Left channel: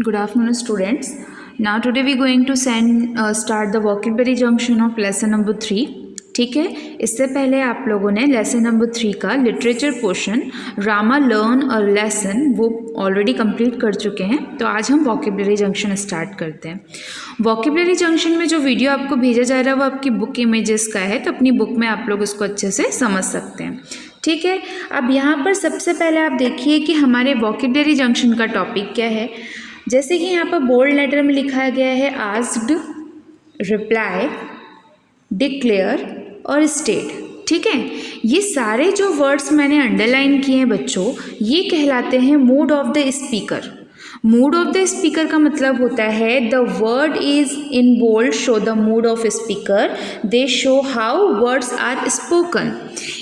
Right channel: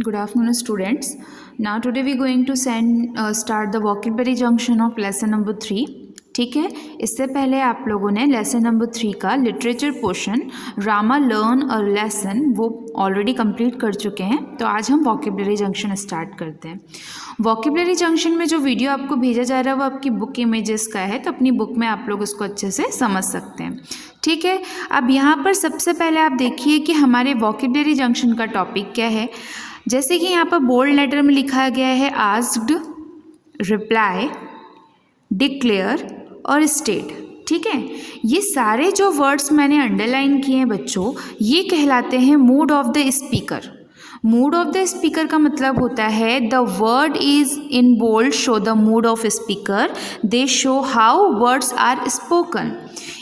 Good afternoon, students. Now today we going to start the vocabulary junction of lesson number 3. ठीक है, इससे पहले आप लोगों ने लेसन नंबर 3 का लिटरेचर पोर्शन रामा लर्न और लेसन वो ऑलरेडी कंप्लीट कर चुके हैं। तो आज हम वॉकेबलरी जंक्शन स्टार्ट करते हैं। वॉकेबलरी जंक्शन में जो वीडियो आपको भेजा जा रहा है वो आपकी बुक इमेजेस का है, तो अपनी बुक में आप लोग उसको अच्छे से समझ सकते हैं। ठीक है, अब यहाँ पर सबसे पहले आप देखिए कि हमारे वॉकेबलरी जंक्शन का टॉपिक क्या है। जैसे कि यहाँ पर बोल्ड लेटर में लिखा गया है आस्क्ड, रिप्लाई, डिक्लेयर और स्टेट। ठीक है, ये सारे जो वर्ड्स मैंने अंडरलाइन किए हैं बच्चों, ये कहलाते हैं mood of the speaker. Mood of the speaker का मतलब होता है the word is in bold show the mood of speaker, they show how words are spoken.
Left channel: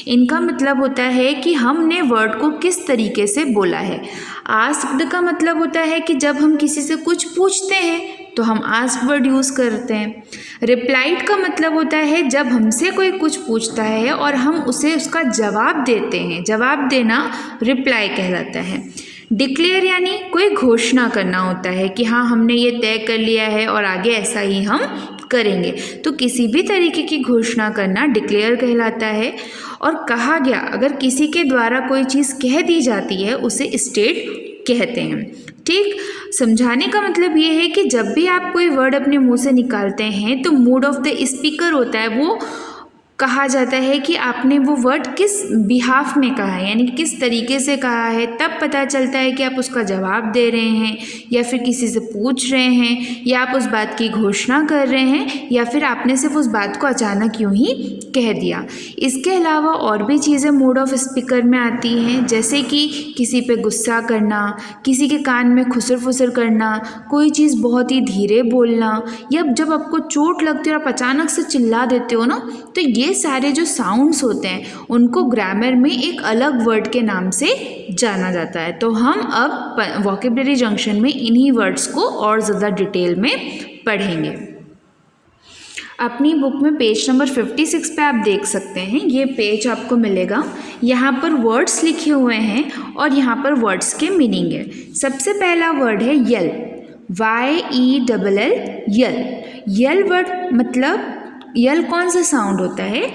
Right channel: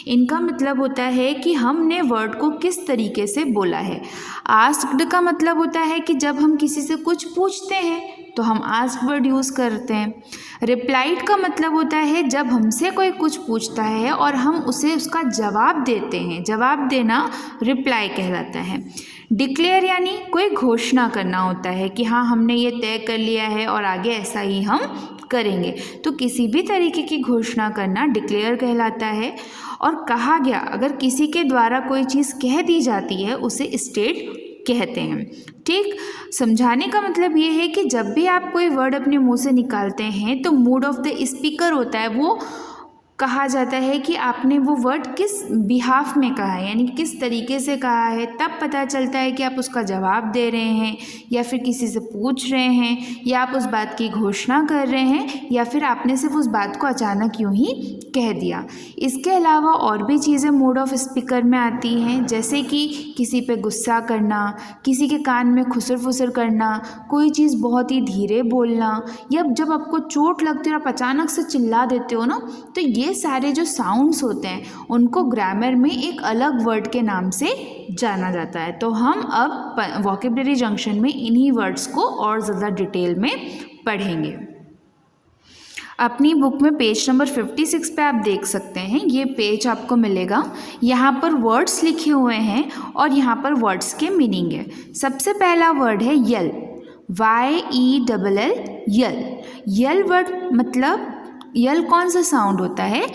इनका मतलब होता है कि हमने वर्ड को किस तरीके से बोला है। आस्क्ड का मतलब होता है कि जब हम किसी से कुछ पूछते हैं तो हम आस्क वर्ड यूज़ करते हैं। रिप्लाइड का मतलब होता है जब हमसे कोई कुछ पूछता है और हम उसे उसका जवाब देते हैं, जवाब देना रिप्लाई कहलाता है। डिक्लेयर यानी कोई घोषणा करना होता है कि हाँ हमने ये तय कर लिया है और आगे ऐसा ही हम करेंगे। तो किसी भी तरीके की घोषणा करना डिक्लेयर कहलाता है। और कहा गया, अगर किसी के द्वारा कोई चीज़ कह दी जाती है उसे स्टेट कहते हैं। ठीक, समझाने का मतलब ये है कि जब भी आप कोई वर्ड अपने मुंह से निकालते हैं तो मूड ऑफ द स्पीकर होता है, वो कहा जाता है कि आपने वो वर्ड किस बिहाफ में कहा है, यानी कि किस तरीके से कहा है। तब पता चलता है कि आप उसका जवाब दे रहे हैं या फिर किसी से पूछ रहे हैं या आप उस बात की घोषणा कर रहे हैं या फिर आपने सिर्फ उस बात को अचानक यूं ही कह दिया। इसके अलावा और भी चीज़ें मूड ऑफ स्पीकर में आती हैं, जैसे कि किसी पे गुस्सा करना, किसी के कान में खुसर फुसर करना, कोई चीज़ बहुत ही धीरे बोलना, या जब आपको चोट लगती है और आप अचानक से चिल्ला देते हो ना, तो ये सारे जो साउंड्स होते हैं उनको ग्रामर में एक अलग वर्ड के नाम से जाना जाता है। तो हम अब वॉकेबलरी जंक्शन में इन्हीं वर्ड्स को और ज़्यादा डिटेल में पढ़ेंगे। अपनी बुक में पेज नंबर 56 पे आप देख सकते हैं, ये पेज आपको मिलेगा। यहाँ पर वर्ड्स लिखे हुए हैं और यहाँ पर वर्ड्स के मीनिंग है। सबसे पहला वर्ड है यल, YELL, यल। यल वर्ड मतलब, यल कौन सा साउंड होता है?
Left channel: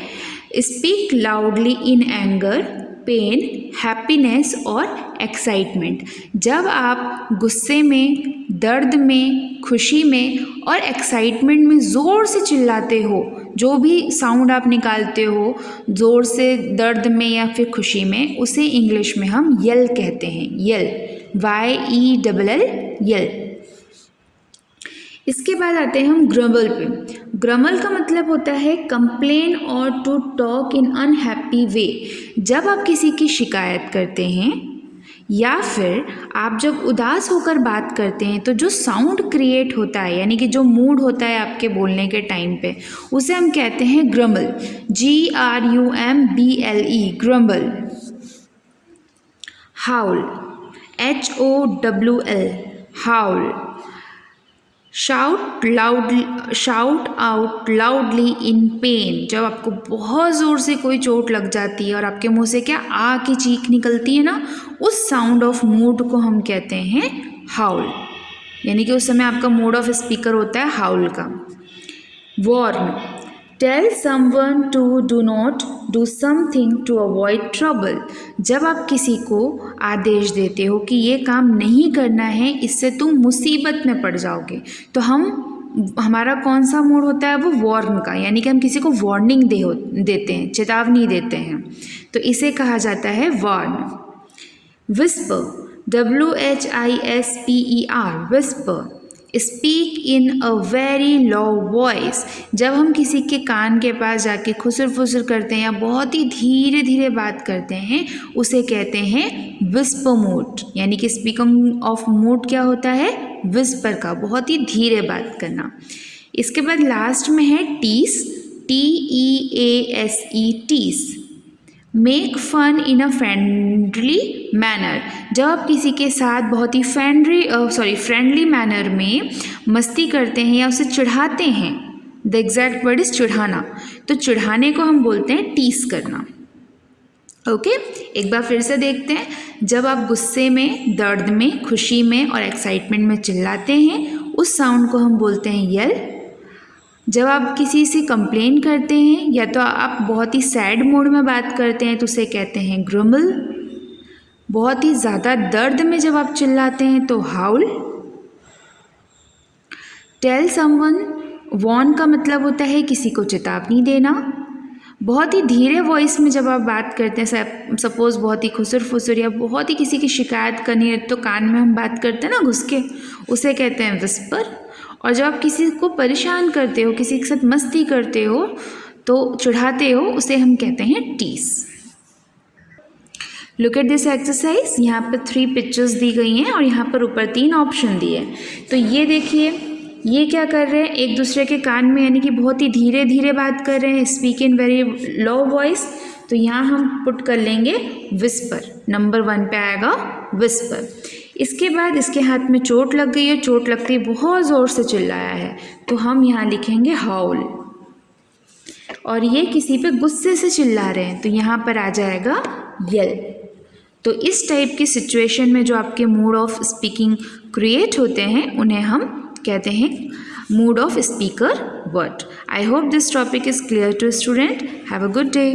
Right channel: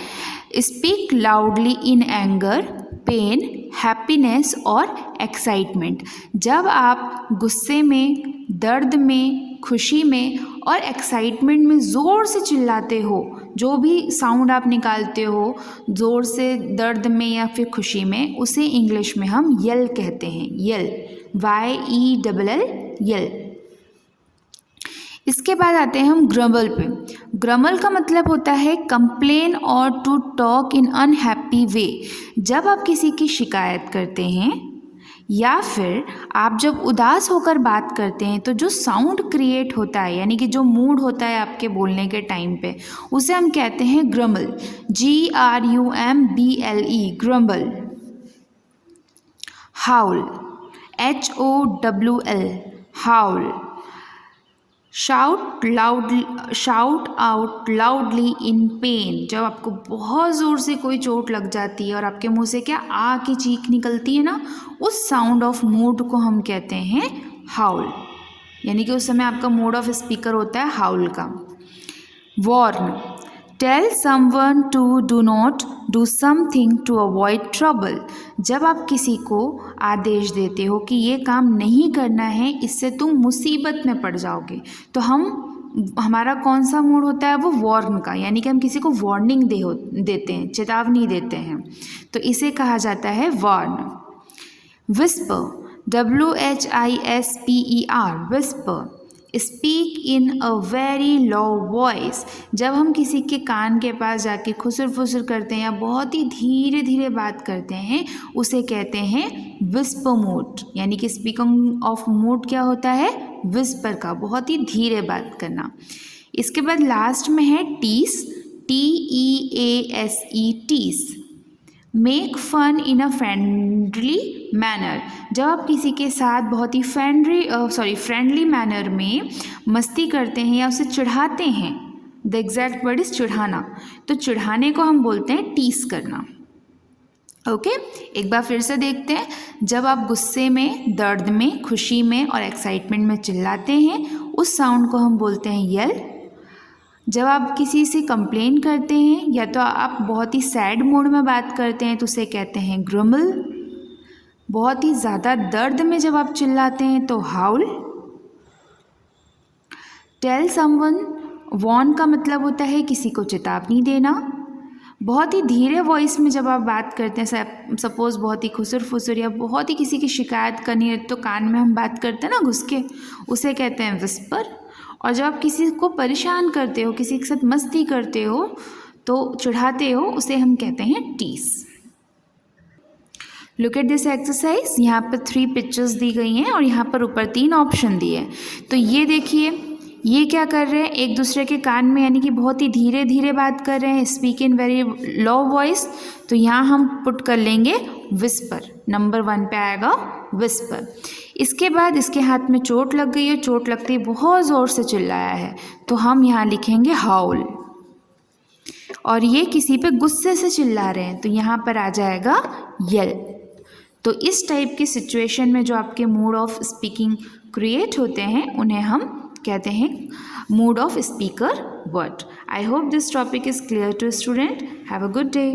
Speak loudly in anger, pain, happiness और एक्साइटमेंट। जब आप गुस्से में, दर्द में, खुशी में और एक्साइटमेंट में ज़ोर से चिल्लाते हो, जो भी साउंड आप निकालते हो ज़ोर से दर्द में या फिर खुशी में, उसे इंग्लिश में हम यल कहते हैं। यल, YELL, यल। इसके बाद आते हैं हम ग्रमल पे। ग्रमल का मतलब होता है कंप्लेन और टू टॉक इन अनहैप्पी वे। जब आप किसी की शिकायत करते हैं या फिर आप जब उदास होकर बात करते हैं तो जो साउंड क्रिएट होता है, यानी कि जो मूड होता है आपके बोलने के टाइम पे, उसे हम कहते हैं ग्रमल, GRUMBLE, ग्रम्बल। हाउल, HOWL, हाउल। शाउट आउट लाउडली इन पेन। जब आपको बहुत ज़ोर से कोई चोट लग जाती है और आपके मुंह से क्या आ की चीख निकलती है ना, उस साउंड ऑफ मूड को हम कहते हैं हाउल, यानी कि उस समय आपका मूड ऑफ स्पीकर होता है हाउल का। Warn, tell someone to do not do something to avoid trouble. जब आप किसी को आदेश देते हो कि ये काम नहीं करना है, इससे तुम मुसीबत में पड़ जाओगे, तो हमारा कौन सा मूड होता है? वो वॉर्न का, यानी कि हम किसी को वार्निंग देते हैं, चेतावनी देते हैं, तो इसे कहा जाता है warn. Whisper, WHISPER, whisper. Speak in a very low voice. जब हम किसी के कान के पास जाके खुसर फुसर करते हैं या बहुत ही धीरे धीरे बात करते हैं, उसे कहते हैं विस्पर मूड, यानी कि स्पीकिंग ऑफ मूड क्या होता है? विस्पर का, बहुत ही धीरे बात करना। इसके बाद लास्ट में है tease, TEASE, tease. Make fun in a friendly manner. जब आप किसी के साथ बहुत ही फ्रेंडली मैनर में मस्ती करते हैं या उसे चिढ़ाते हैं, द एग्जैक्ट वर्ड इज चिढ़ाना, तो चिढ़ाने को हम बोलते हैं टीस करना। ओके एक बार फिर से देखते हैं। जब आप गुस्से में, दर्द में, खुशी में और एक्साइटमेंट में चिल्लाते हैं उस साउंड को हम बोलते हैं यल। जब आप किसी से कंप्लेन करते हैं या तो आप बहुत ही सैड मूड में बात करते हैं तो उसे कहते हैं ग्रम्बल। बहुत ही ज़्यादा दर्द में जब आप चिल्लाते हैं तो हाउल। टेल समवन, वॉर्न का मतलब होता है किसी को चेतावनी देना। बहुत ही धीरे वॉइस में जब आप बात करते हैं, सपोज़ बहुत ही खुसर फुसर या बहुत ही किसी की शिकायत करनी है तो कान में हम बात करते हैं ना घुस के, उसे कहते हैं विस्पर। और जब आप किसी को परेशान करते हो, किसी के साथ मस्ती करते हो तो चिढ़ाते हो, उसे हम कहते हैं टीस। Look at this exercise. यहाँ पर 3 पिक्चर्स दी गई हैं और यहाँ पर ऊपर 3 ऑप्शन दिए हैं। तो ये देखिए, ये क्या कर रहे हैं, एक दूसरे के कान में यानी कि बहुत ही धीरे धीरे बात कर रहे हैं, speak in very low voice. तो यहाँ हम पुट कर लेंगे विस्पर। नंबर 1 पे आएगा विस्पर। इसके बाद इसके हाथ में चोट लग गई है, चोट लगते ही बहुत ज़ोर से चिल्लाया है तो हम यहाँ लिखेंगे हाउल। और ये किसी पे गुस्से से चिल्ला रहे हैं तो यहाँ पर आ जाएगा यल। तो इस टाइप की सिचुएशन में जो आपके मूड ऑफ स्पीकिंग क्रिएट होते हैं उन्हें हम कहते हैं mood of speaker word. I hope this topic is clear to student. Have a good day.